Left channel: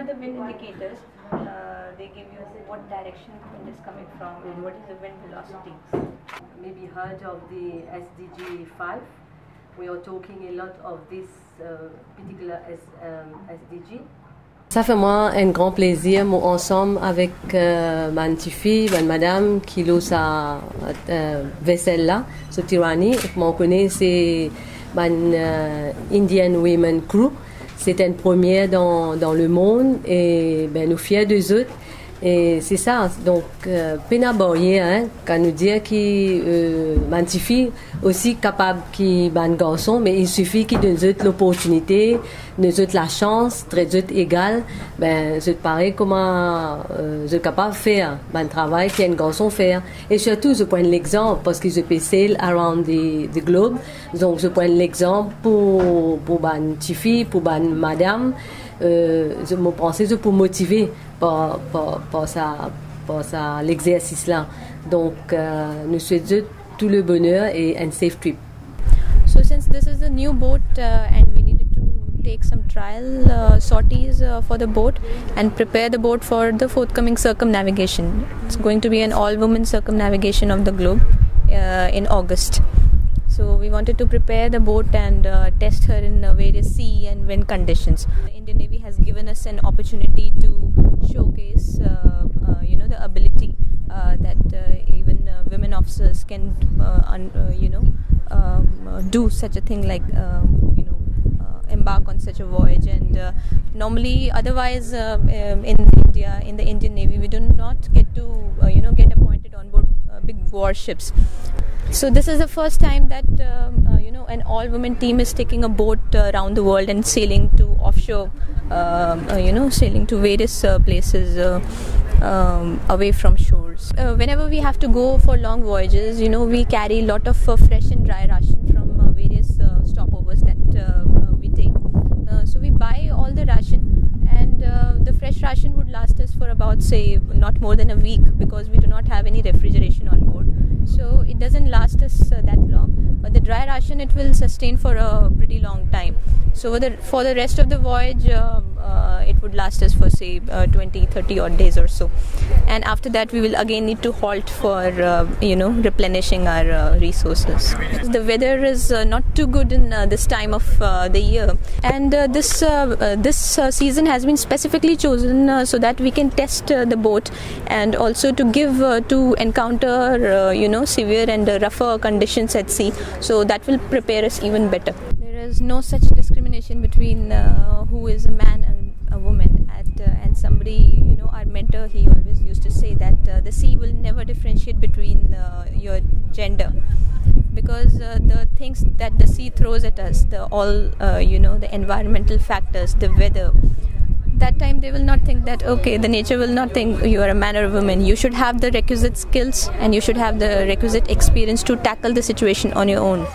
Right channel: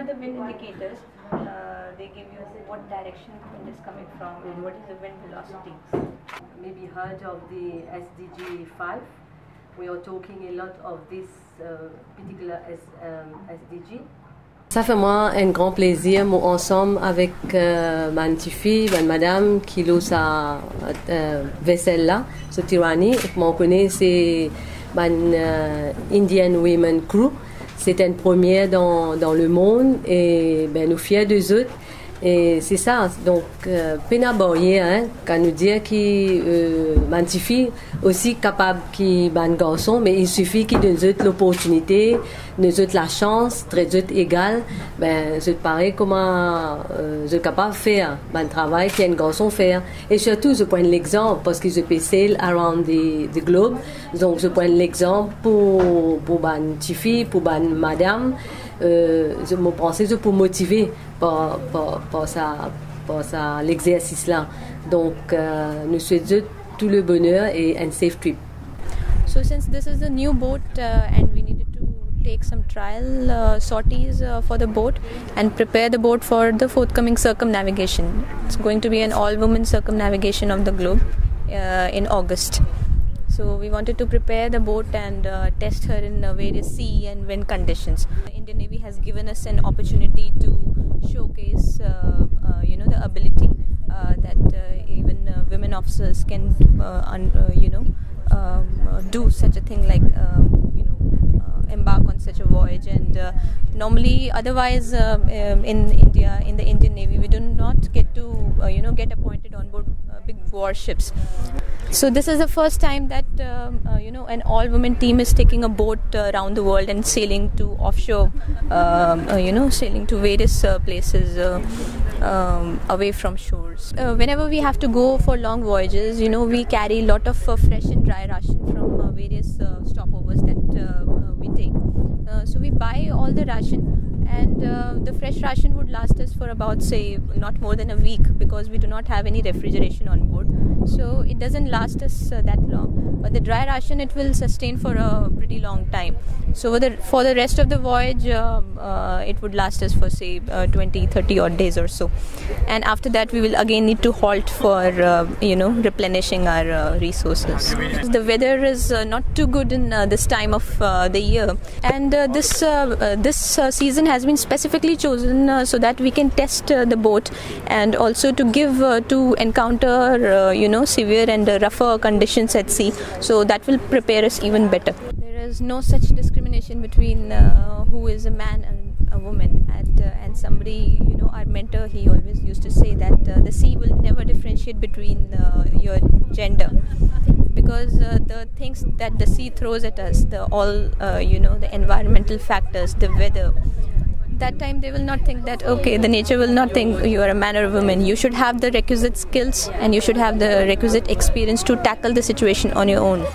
are the wind indicators. They give you what direction wind is coming from and what is the wind velocity. Maybe heard of the SDG 5. We are talking a lot of this particular SDG. Ça fait moi un grand plaisir, moi ensemble avec ma petite fille, madame, qui a sa vaisselle là, ce tyrannie. Moi, on connaît c'est Indian Women Crew. C'est une première dans le monde et nous fiers des autres. Et c'est ça, donc, peine hein, quand nous dire que ma petite fille aussi capable qui ban garçon, mais il suffit qu'il donne l'opportunité, nous autres la chance, très autres égal, c'est pareil comment je suis capable de faire un travail qu'un garçon fait. Et surtout, je prends l'exemple parce que je peux sail around the globe, donc je prends l'exemple pour ma petite fille, pour ma madame. Je me pensais pour motiver par l'exercice là. Donc nous souhaitons tout le bonheur et un safe trip. So since this is a new boat and we needed to take some trial sorties for the boat and prepare the boat for the forthcoming circumnavigation. It's going to be an all-women circumnavigation of the globe in August. So we wanted to prepare the boat and test her in various sea and wind conditions. The Indian Navy has given us an opportunity to showcase, the ability that even women officers can, do such a thing like, embark on such a voyage. And normally, otherwise, in India, in the Indian Navy, we do not get to, get appointed on board big warships. So this is the first time that an all-women team is taking a boat around the world and sailing to offshore, sailing to various places away from shores. Whenever we have to go for long voyages, we carry a lot of fresh and dry ration from various stopovers that we take. So we buy all the ration, and the fresh ration would last us for about, say, not more than a week because we do not have any refrigeration on board. So it doesn't last us that long. But the dry ration, it will sustain for a pretty long time. So for the rest of the voyage, it would last us for, say, 20, 30 odd days or so. And after that, we will again need to halt for, replenishing our resources. The weather is not too good in this time of the year. And this season has been specifically chosen so that we can test the boat and also to give to encounter severe and rougher conditions at sea. So that will prepare us even better. There is no such discrimination between who is a man and a woman. And somebody, our mentor, he always used to say that the sea will never differentiate between your gender, because the things that the sea throws at us, the environmental factors, the weather, that time they will not think that, okay, the nature will not think you are a man or a woman. You should have the requisite skills and you should have the requisite experience to tackle the situation on your own.